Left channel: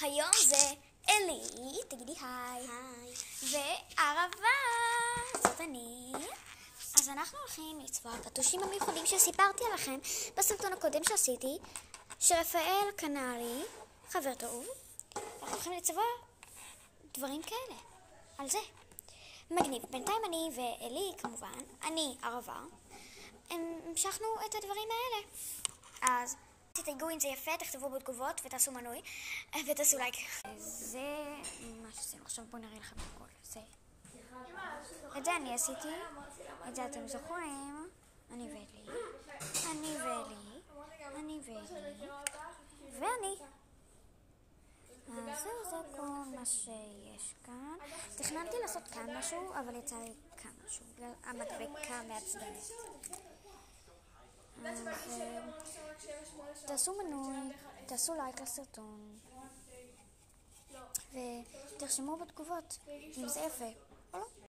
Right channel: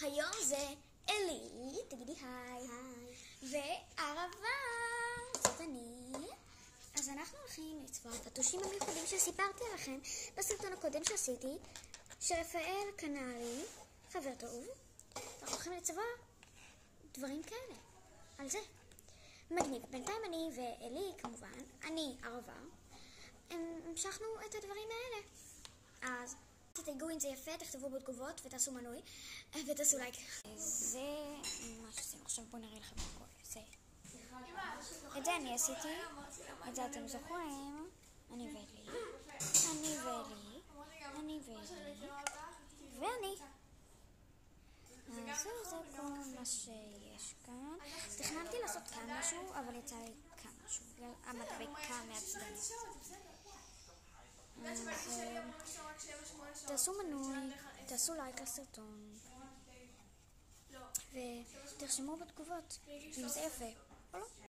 היום זה אלי, תגידי היי. וערבה, זאת אני. אז אנחנו הולכים לצבוע הפטושים המיוחדים שסיפרתי עליכם בסרטון הקודם שעשיתי, שרפאל קנה לי, חבר טוב. אנחנו הולכים לצבוע דברים כאלה, על זה. מגניב. בינתיים אני ואלי, כמובן, אני ערבה, המשכנו את הדברים האלה. אז תתייגו אם זה יפה, תכתבו בתגובות ותעשו מנוי ותעשו לייק. זה מה שעשינו. עכשיו בואו נראה לכם הכל. את זה אני עשיתי, את זה אתם זוכרים. אני ואלי, ואני. אז זה כל מה שיש כאן. תכננתי לעשות כאן משהו, אבל יצא לי כאן משהו. המדבקה מעצבנת. אז תעשו מנוי, תעשו לייק לסרטון ותרשמו בתגובות אם זה יפה או לא.